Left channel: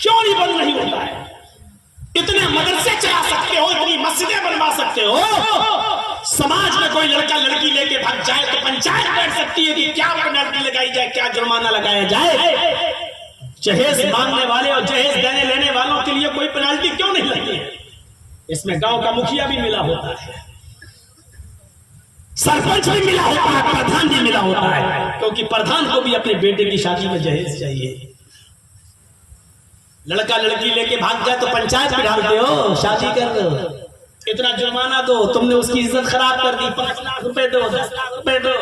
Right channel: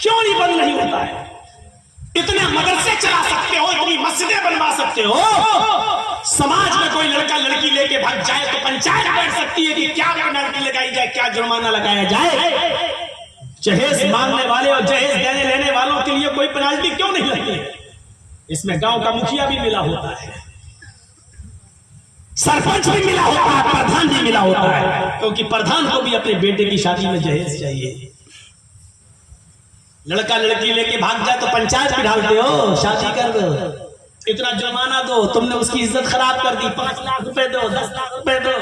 क्यों नहीं बंद नहीं होता है? इतने मदरसे चला सकते हो, इतनी मस्जिदें बनवा सकते हो, समाज में कोई लड़का लड़की लेके भाग जाए तो पंचायत बैठ सकती है कि क्या पेनल्टी लगाई जाए, क्या जुर्माना लगाया जाए। जहेज मांगने वाले और जहेज देने लेने वालों के लिए कोई पेनल्टी क्यों नहीं लगती है? इसमें गांव का मुखिया भी मिला होता है, सरपंच भी मिला होता है, प्रधान भी मिला होता है, क्योंकि प्रधान को भी अपने बेटे की शादी में जहेज चाहिए। लड़का लड़की लेके भाग जाए तो पंचायत में डालते हो, शादी कर दो, इतना जुर्माना दो, तुमने उसकी इज्जत खराब कर दी, 5 लाख रुपए दो, 10 लाख रुपए दो,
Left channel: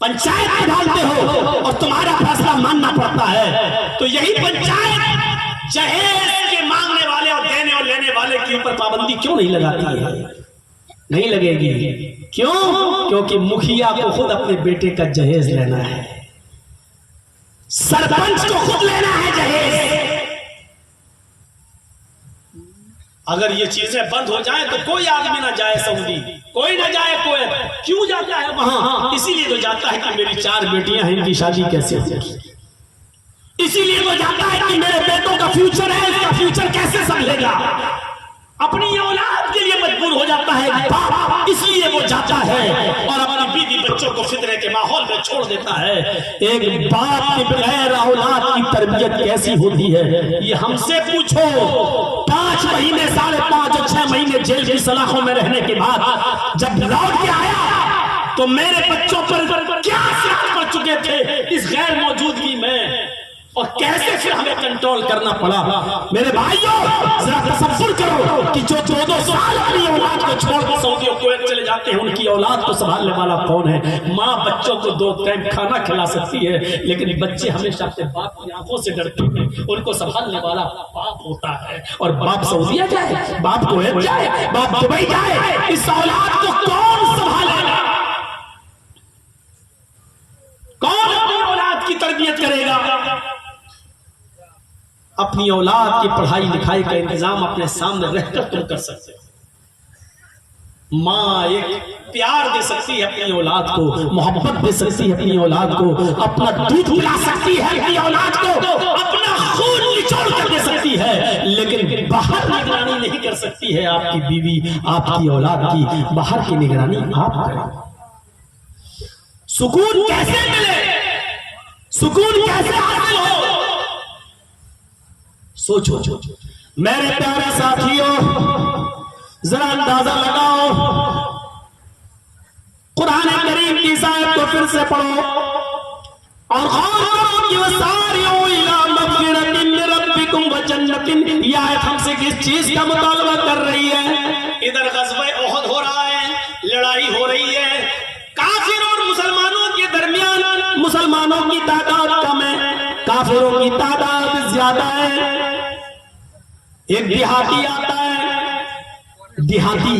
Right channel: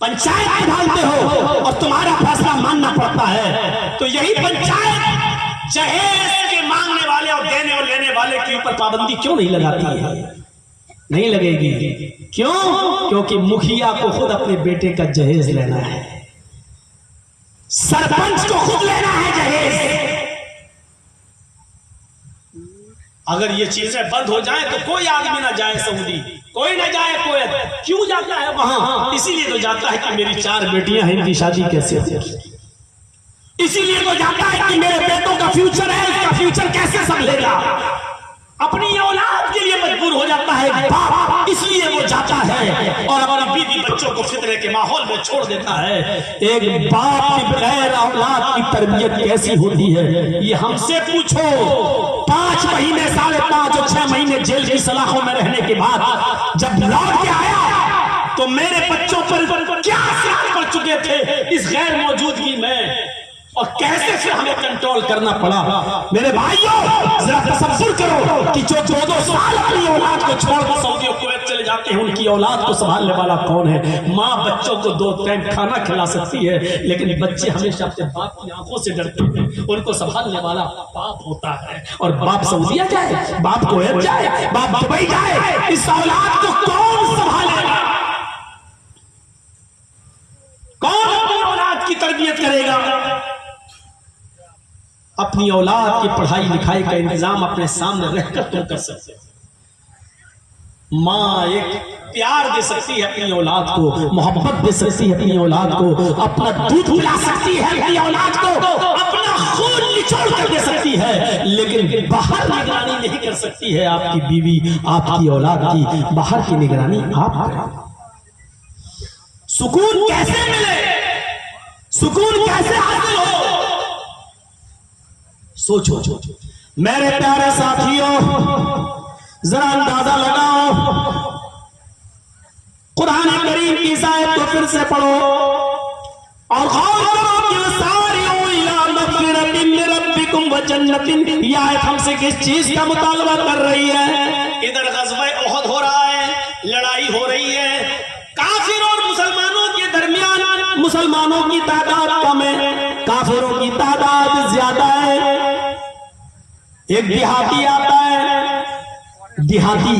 पंचायत में डालते हो और तुम्हारा फैसला मानना पड़ता है। तो यही पंचायत जहेज के मांगने वाले और देने और लेने वाले के ऊपर पाबंदी क्यों नहीं लगाती है? नहीं लगेगी। क्यों? क्योंकि मुखिया को खुद अपने बेटे का जहेज लेना है, सरपंच को खुद लेना है जहेज। अगर ये चीजें बंद हो जाए तो कोई आदमी ना जाए सऊदी, कोई ना जाए कुवैत। क्यों जाता है वहां? इसीलिए तो जाता है कि मेरी 4 बेटियां हैं, इनकी शादी कैसे होगी। इसीलिए तो जाता है कि मेरे बेटों का फ्यूचर है, इसका फ्यूचर कैसे संभलेगा। अपनी औलाद के लिए मजबूर हो जाता है बाप, इसलिए वो जाता है और अपनी बीवी बच्चों को फितरे के माहौल में छोड़ देता है। एक बाप के बगैर औलाद की तरबियत कैसी होती है, ये हमसे पूछो। 5 महीने, 5.5 और 6 महीने जेल की सलाखों में रहने के बाद जब लौट के आया तो मेरे बच्चों पर क्या असर पड़ चुके थे इस गैर मौजूदगी में, और कैसे फिर हमें कंट्रोल करना पड़ा। मेरे भाइयों, जरा तसव्वुर करो कि जो 2-2 साल अपनी औलाद को छोड़कर सऊदी और कुवैत चले जाते हैं, उनकी औलाद को संभालने वाला कौन है? माँ बच्चों को 2 टाइम खाना खिला सकती है, लेकिन बच्चे हमेशा अपने बाप की आंखों से डरते हैं। उनको संभालने वाला बाप होता है, और बाप सऊदीया जाए, बाप कुवैत जाए, बाप दुबई जाए, इस औलाद को कौन संभालेगा? कौन अपनी औलाद की तरबियत करेगा? अपनी औलाद की पढ़ाई लिखाई का इंतजाम अपने सामने रहकर तुम कर सकते हो। माँ एक प्यार दे सकती है अपनी औलाद को, मोहब्बत दे सकती है अपनी औलाद को, अपना दूध पिला सकती है अपनी औलाद को, अपना खून निचोड़ कर दे सकती है, लेकिन बाहर निगरानी नहीं कर सकती है आपकी बीवी, आपकी औलाद की। बाहर की निगरानी आप करें। सुकून कैसे मिले, सुकून कैसे हासिल हो? सोचो। मेरे प्यारे साथियों, जरा अंदाजा लगाओ, कुरान करीम की आयत को फिर से पढ़ो और गौर करो कि वसारिऊ इला मग़फ़िरतिन मिन रब्बिकुम व जन्नतिन। यह आयत हमसे किस चीज का मुतालबा कर रही है? इधर ग़ज़वा उहद हो रहा है, लड़ाई हो रही है, काफिर और मुसलमानों के दरमियान मुसलमानों की तादाद कम है, काफिरों की तादाद ज्यादा है। एक देहाती आता है, देहाती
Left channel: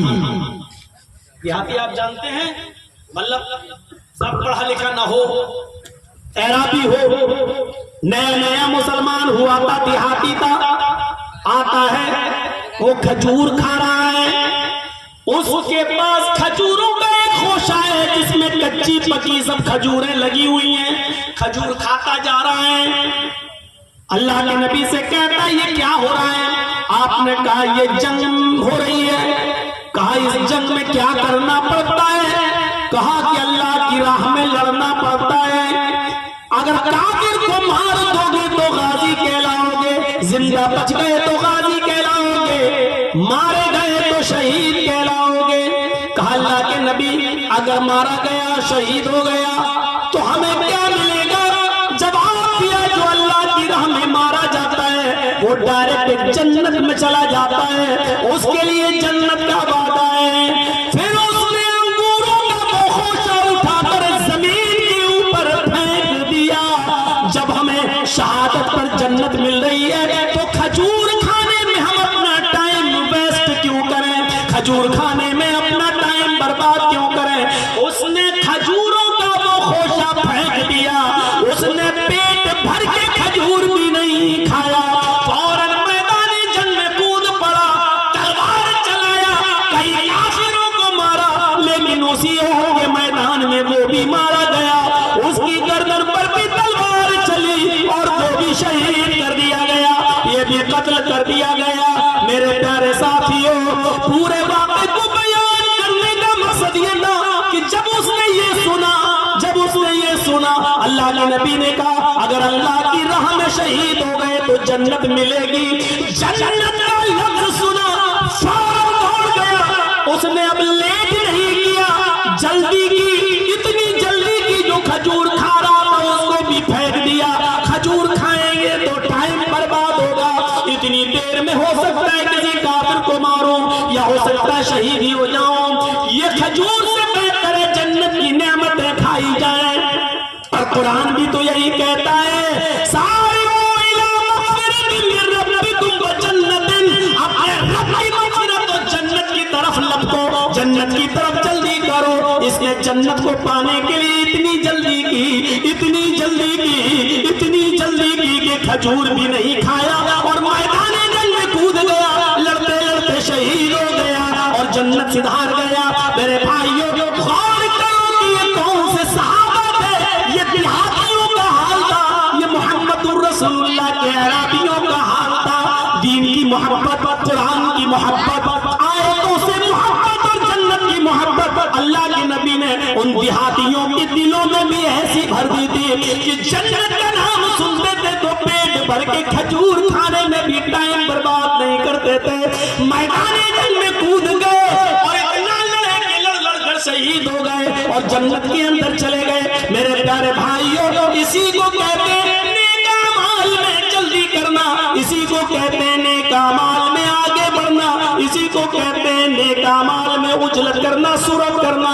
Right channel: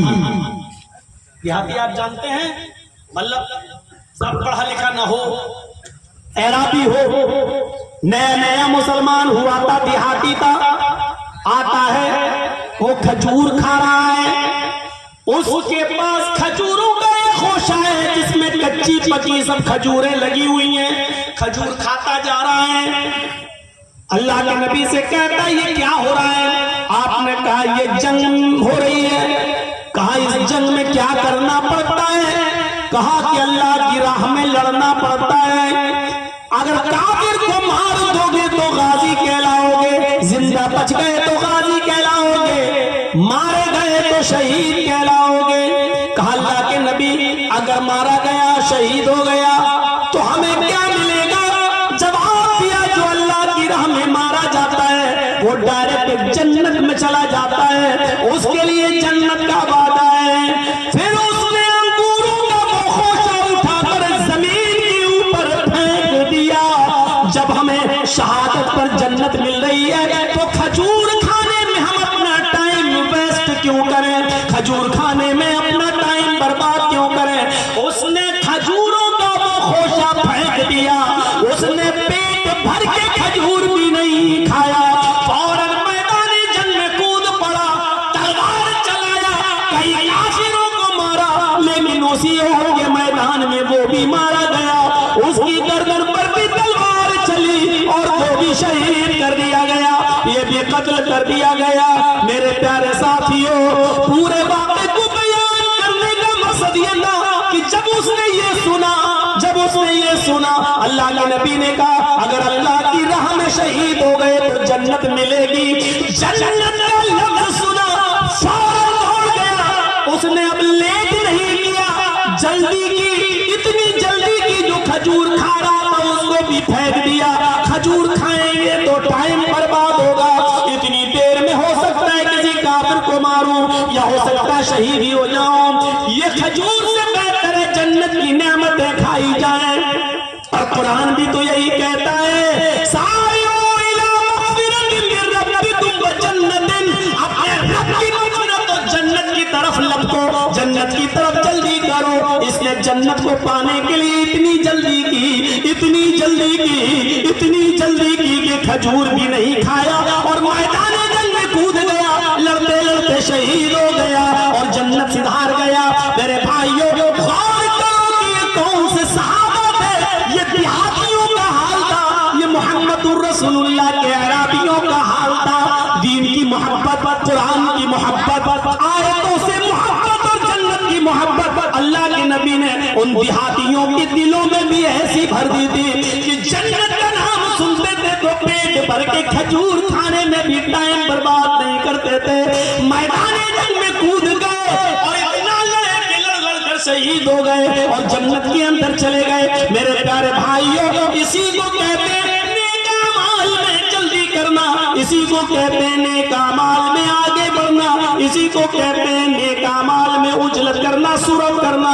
आप जानते हैं, मतलब सब पढ़ा लिखा ना हो, एराबी हो, नया मुसलमान हुआ था, देहाती था, आता है, वो खजूर खा रहा है, उसके पास खजूरों का एक खोशा है जिसमें कच्ची पकी सब खजूरें लगी हुई हैं, खजूर खाता जा रहा है। अल्लाह के नबी से कहता है ये क्या हो रहा है? आपने कहा ये जंग हो रही है। कहा इस जंग में क्या करना पड़ता है? कहा कि अल्लाह की राह में लड़ना पड़ता है। अगर काफिर को मार दोगे तो गाजी कहलाओगे, जिंदा बच गए तो गाजी कहलाओगे, मारे गए तो शहीद कहलाओगे। कहा अल्लाह के नबी अगर मारा गया, शहीद हो गया तो हमें क्या मिलेगा? जवाब दिया जो अल्लाह की राह में मारा जाता है वो डायरेक्ट जन्नत में चला जाता है, उसके लिए जन्नत का वादा है। फिर उसने अंगूरों का वो खोशा उठाकर जमीन के ऊपर फेंक दिया। जब हमें शहादत पर जन्नत मिल रही है तो खजूर खाने में हम अपना टाइम वेस्ट क्यों करें? खजूर खाने में अपना टाइम बर्बाद क्यों करें? उसने खजूरों का वो खोशा फेंक दिया, उसने पेट भर के खजूर भी नहीं खाया, फौरन मैदानी जंग में कूद पड़ा, तलवार चलाया, कई काफिरों को मारा, लेकिन उसी के मैदान में वो भी मारा गया। उसकी गर्दन पर भी तलवार चली और वो भी भी शहीद कर दिया गया, ये भी कत्ल कर दिया गया। मेरे प्यारे साथियों, पूरे वाक़े को बयान करने का मकसद ये था कि जब उसने ये सुना, अल्लाह के नबी ने कहा अगर अल्लाह की राह में शहीद हो गए तो जन्नत मिलेगी। जन्नत का लफ्ज़ सुना, फौरन दौड़ गया। उसने अब लेट नहीं किया, जल्दी की, इतनी जल्दी की जो खजूर खा रहा था उसको भी फेंक दिया। खजूर खाएंगे तो टाइम बर्बाद होगा, इतनी देर में हो सकता है किसी काफिर को मारूं या हो सकता है शहीद ही हो जाऊं। ये खजूर से बेहतर है जन्नत की नेमतें खाई जाए। और कुरान भी तो यही कहता है, सारिऊ इला मग़फ़िरतिन मिन रब्बिकुम व जन्नतिन, अपने रब की मग़फ़िरत और जन्नत की तरफ लपको, जन्नत की तरफ जल्दी करो। इसने जन्नत को पाने के लिए इतनी जल्दी की कि खजूर भी नहीं खाया और मैदान जंग में कूद गया, लड़ते लड़ते शहीद हो गया और जन्नत सिधार गया। मेरे भाइयों, गौर करो कि ये कौन से सहाबा थे। ये देहातियों का हाल था, ये मुहम्मदुर रसूलुल्लाह के अरबियों का हाल था। दीन की मोहब्बत, कुरान की मोहब्बत, आयतों से मोहब्बत और जन्नत की मोहब्बत अल्लाह के नबी ने उन देहातियों के दिलों में भी ऐसी भर दी थी कि जन्नत का नाम सुनते थे तो पेट भर के खजूर खाने में भी टाइम बर्बाद नहीं करते थे। मैदान जंग में कूद गए और इतना लड़े कि लड़ शहीद हो गए और जन्नत के अंदर चले गए। मेरे प्यारे भाइयों, इसी को कहते हैं नेक अमाल में जल्दी करना, इसी को कहते हैं नेक अमाल में आगे बढ़ना, इसी को कहते हैं नेक अमाल में उजलत करना, सुरत करना।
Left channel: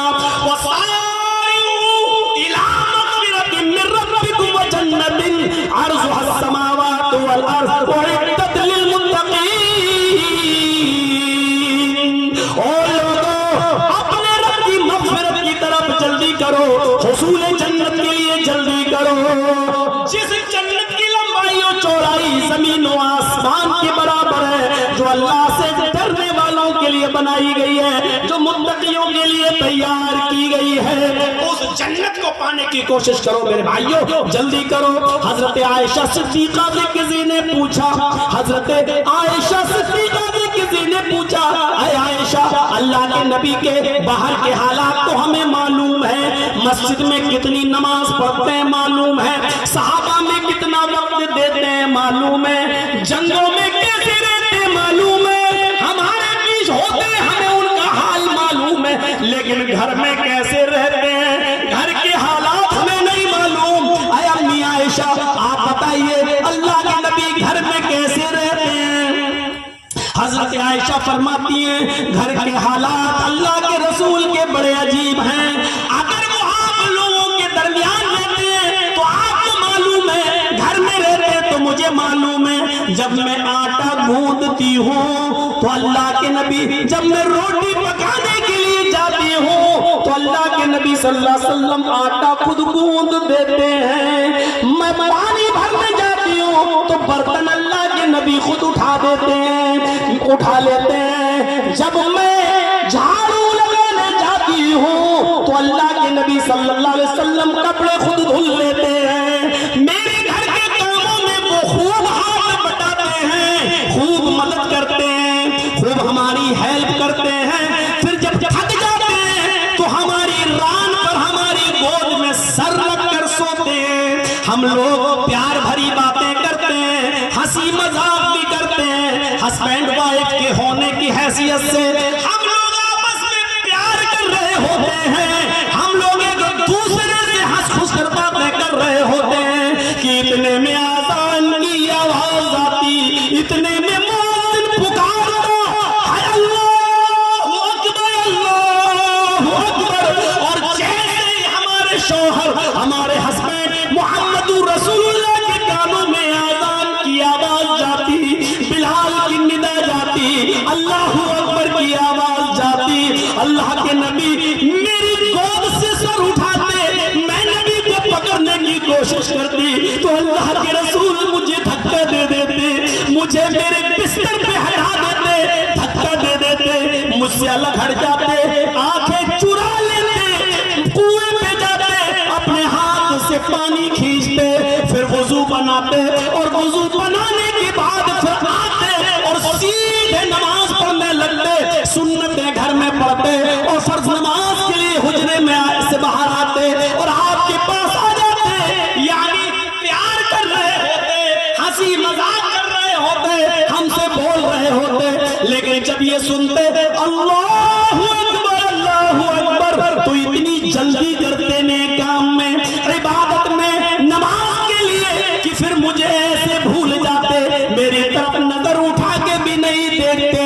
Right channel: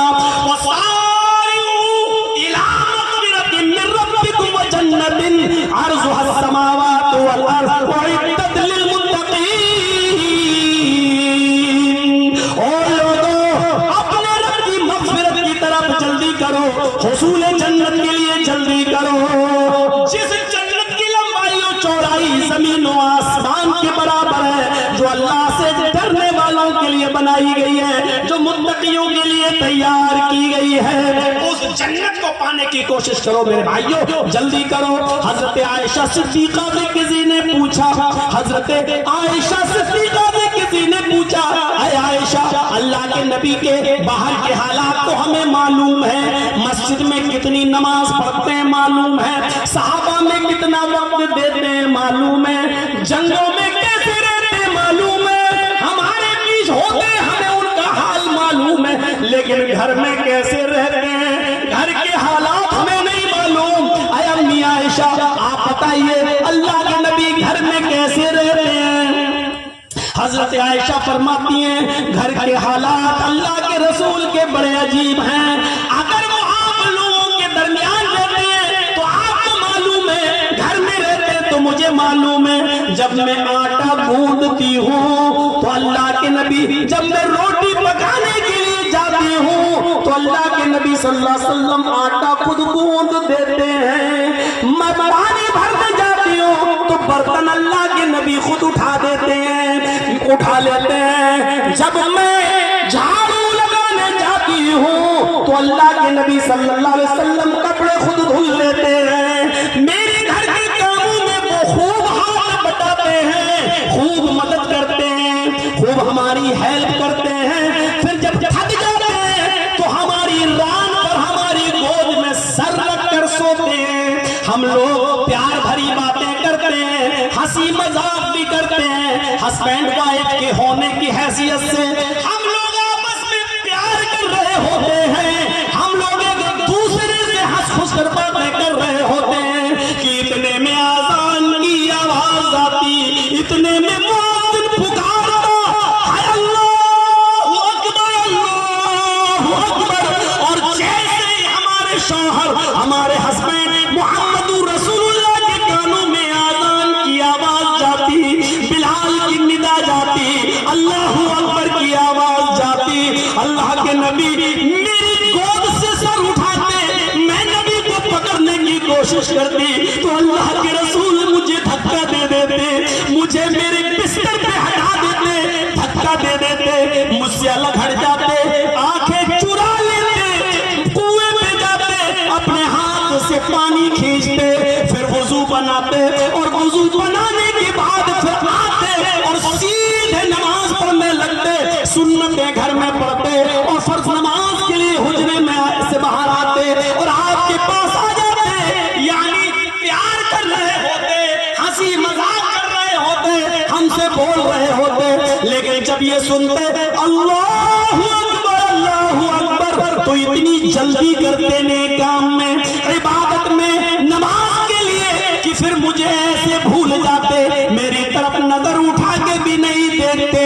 तैयार की गई है, उस जन्नत को पाने की कोशिश करो मेरे भाइयों, जल्दी करो। हजरत आयशा सिद्दीका से किसी ने पूछा, हजरत आयशा सिद्दीका से किसी ने पूछा, अरे आयशा, अल्लाह के नबी के बाहर के हालात तो हमें मालूम है, मस्जिद में कितनी नमाज पढ़ते हैं मालूम है, सहाबा में कितना वक्त देते हैं मालूम है, जंगों में कैसे रहते मालूम है, हमारे बीच होते हमें उनका हाल मालूम है, लेकिन घर में कैसे रहते हैं, घर के हालात हमें नहीं मालूम। अरे अम्मी आयशा, आप बताइए अल्लाह के नबी घर में कैसे रहते हैं। हजरत आयशा फरमाती हैं, घर के हालात अल्लाह के रसूल के बड़े अजीब हैं। अगर वो आप लोगों के दरमियान रहते हैं तो आपको मालूम है, घर में रहते हैं तो मुझे मालूम है। जब मैं आटा गूंदती हूँ तो अल्लाह के नबी, जब मैं रोटी पकाने के लिए जाती हूँ तो अल्लाह के नबी सल्लल्लाहु अलैहि वसल्लम आटा खुद गूंद देते हैं। मैं पानी भरने जाती हूँ तो बर्तन अल्लाह के नबी खुद उठा देते हैं, उठा लेते हैं। जब मैं झाड़ू लगाने जाती हूँ तो अल्लाह के नबी सल्लल्लाहु अलैहि वसल्लम कपड़े खुद धुल लेते हैं। मेरे घर के कामों में वो खूब हाथ बटाते हैं, खूब मदद करते हैं, खूब हमारी हेल्प करते हैं। फिर जब थक जाते हैं तो हमारी रान पर, हमारी गोद में सर रख कर सोते हैं। हम लोग प्यार भरी बातें करते हैं, हंसी मजाक भी करते हैं। हस्बैंड वाइफ के होने की हैसियत से हम लोग आपस में प्यार कर रहे होते हैं, हम लोग एक दूसरे से हंस खुश कर बातें कर रहे होते हैं कि इतने में आजान की आवाज आती, इतने में मुअज्जिन पुकारता, अल्लाहू अकबर, अल्लाहू अकबर। और जैसे ही हमारे शौहर, हमारे हस्बैंड मुहम्मदुर रसूलुल्लाह के कानों में आजान की आवाज जाती, बिलाल की निदा जाती, अल्लाहू अकबर की आवाज जाती, अल्लाह के नबी मेरी गोद से सर उठाते, मैं नबी को पकड़ने की कोशिश करती तो अल्लाह के रसूल मुझे धक्का दे देते, मुझे मेरे बिस्तर पे हटा देते, धक्का दे देते, मुझसे अलग हट जाते, आंखें चुरा लेते, कुएं में जाते, अपने हाथ से पानी खींचते, फिर वुजू बनाते और वजू बनाने के बाद फिर आते और सीधे नमाज पढ़ने लगते, सुन्नतें घर में पढ़ते और फर्ज नमाज के लिए हुजरे में से बाहर आते और आपके पास आ जाते, यानी प्यार कर रहे होते, हंसी मजाक कर रहे होते, हमसे बोल रहे होते। लेकिन जब ये सुनते अल्लाहु अकबर तो इतनी जल्दी करते नेक काम में, इबादत में, नमाज के लिए कि फिर मुझे ऐसे भूल जाते, मेरी तरफ नजर उठा के भी नहीं देखते।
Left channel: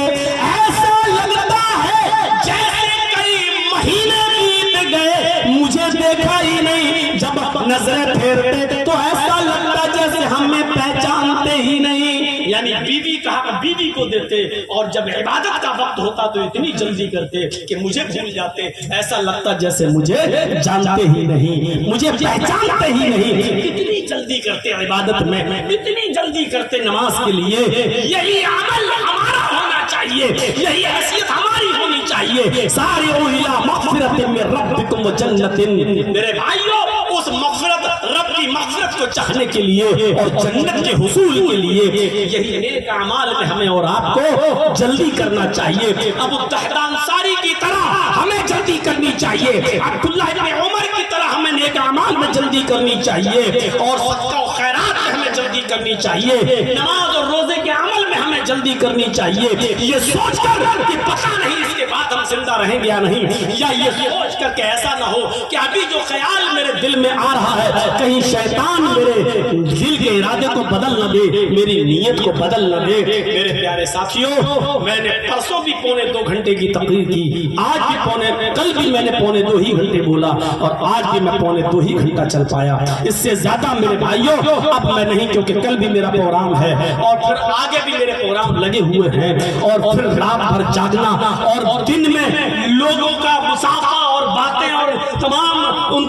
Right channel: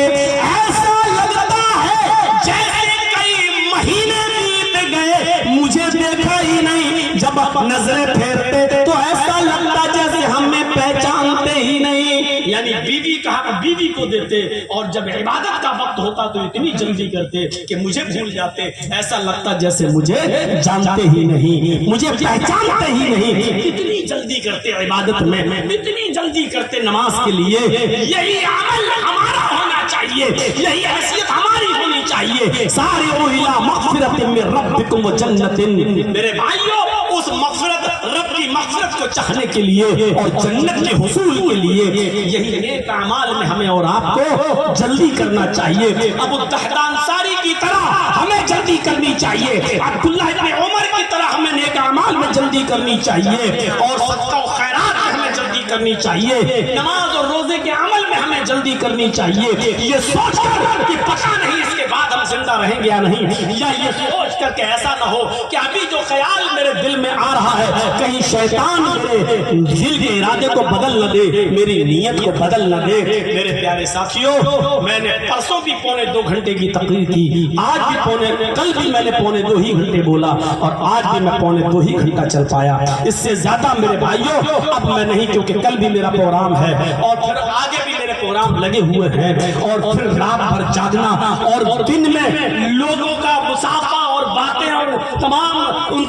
ऐसा लगता है जैसे कई महीने बीत गए मुझे देखा ही नहीं, जब नजरें फेरते तो ऐसा लगता जैसे हमें पहचानते ही नहीं। यानी बीवी को देते और जब इबादत का वक्त होता तो इतनी जल्दी करते कि मुझे भूल जाते, ऐसा लगता जैसे मुझे जानते ही नहीं, मुझे पहचानते ही नहीं। इतनी जल्दी करते इबादत में, इतनी जल्दी करते नमाज के लिए। यही अमल हमारा होना चाहिए, यही हैसियत हमारी होनी चाहिए। सारे इला मग़फ़िरतिन मिन रब्बिकुम व जन्नतिन, मेरे भाइयों उस मग़फ़िरत, रब की मग़फ़िरत को चाहने के लिए और जन्नत के हुसूल के लिए यही नेक अमाल में हमें और आपको जल्दी करना चाहिए। अबू दहदा अंसारी की तरह हमें जल्दी करनी चाहिए, अब्दुल्लाह इब्न उमर की तरह हमें नेक अमाल में जल्दी करनी चाहिए और सदका और खैरात में हमें जल्दी करनी चाहिए, नमाज और रोजे के अमल में हमें जल्दी करनी चाहिए। ये सोचकर कि पता नहीं इसके बाद हम जिंदा रहेंगे या नहीं, या ये सोच कर के ऐसा ना हो कि अभी जो ख्याल मेरे दिल में आ रहा है कहीं शैतान मेरे दिल के इरादे को बदल न दे, मेरी नीयत को बदल न दे। मेरे प्यारे साथियों, मैंने परसों भी 2.25 घंटे की तकरीर की, आज भी कल भी मैंने 2.25 ही घंटे बोला और आज भी मैं 2.25 ही घंटा चल पाया। इससे ज्यादा मेरे भाइयों अब मैं नहीं, क्योंकि कल भी मेरा प्रोग्राम है और फिर आगे भी मेरे प्रोग्राम लगे हुए हैं और फिर रात भर जागना और दिन में लोगों का मुसाफा और बातें और तमाम